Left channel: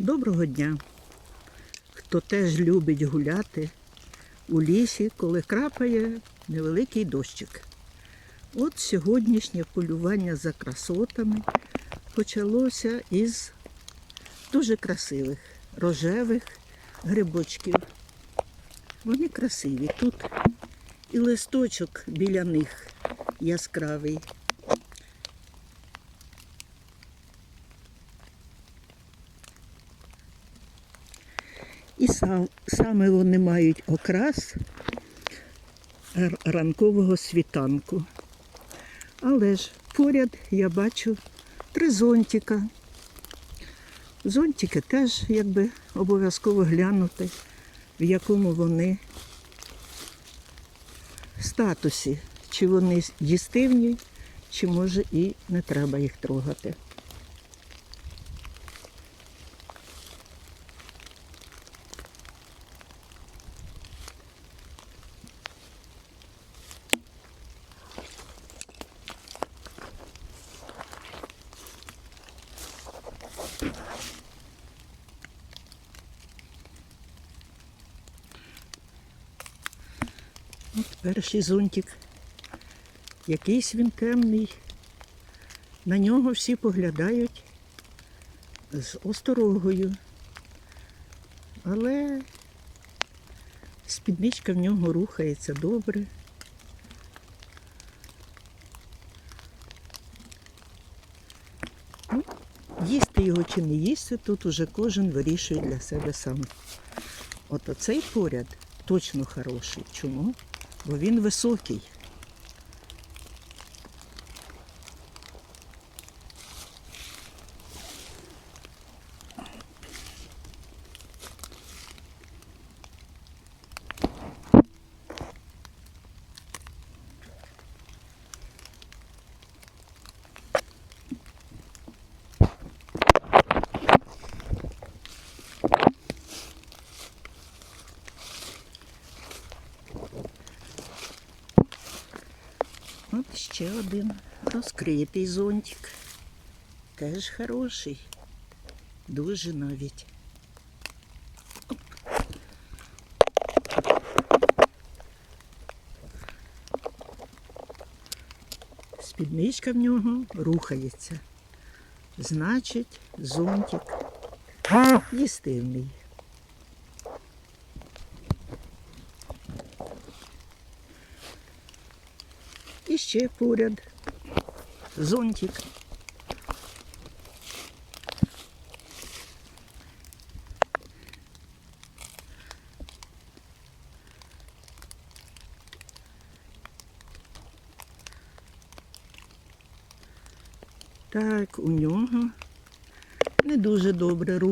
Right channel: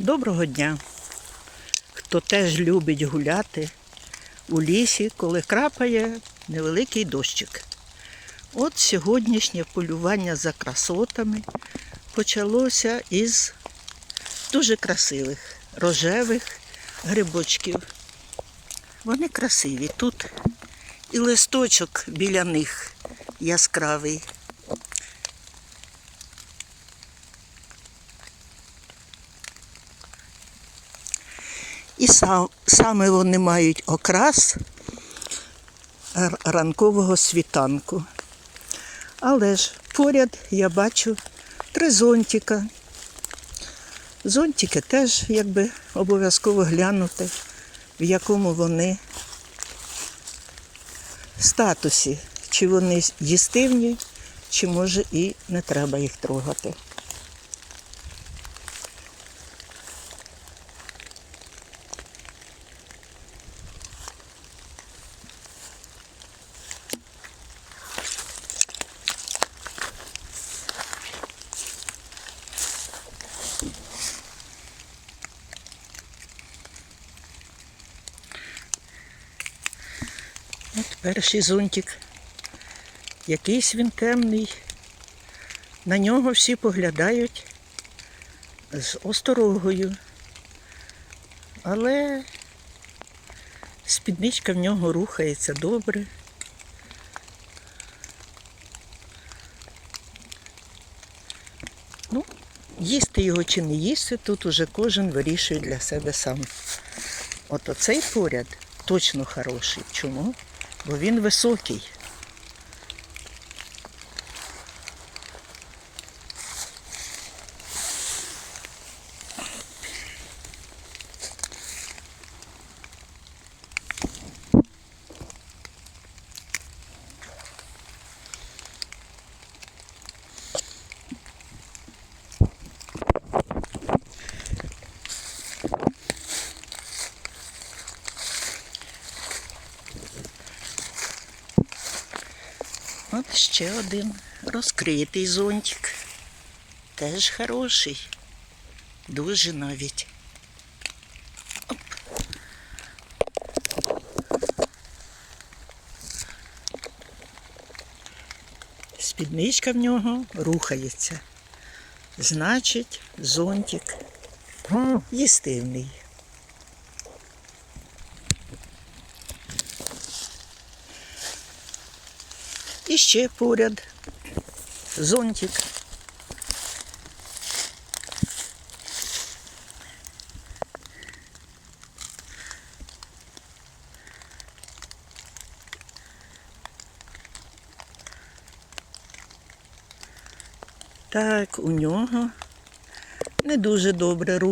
Доброго дня! Хто теж любить гуляти у лісі, коли крапає невеликий дощик. От сьогоднішнє полювання за красотами почалося із дуже красивих рожевих грибочків. Вони красиві. Тут і листочок біля них яскравий. І сам, саме вони мають окрас ранкового світанку. Але ж поряд я бачу три зонтика. Зонтики теж якби обов'язково глянути, в якому вони статусі, чи вони їстивні, чи може і не треба їх трогати. От перший зонтик. Якийсь він темний. На нього всі поглядають з осторогою. Але спідничка в нього рухається добре. Ну, їсти його чи не їсти, тут уже кожен вирішує для себе сам. От оцей поряд точно хороший. Чому? Бо він високий. От ще один розкритий зонтик. Теж хороший. Дуже навіть. Оп. Спідничка в нього рухається. Значить, зонтик їстивний. І ще поряд зонтик. Так, у нього не дуже добре рух.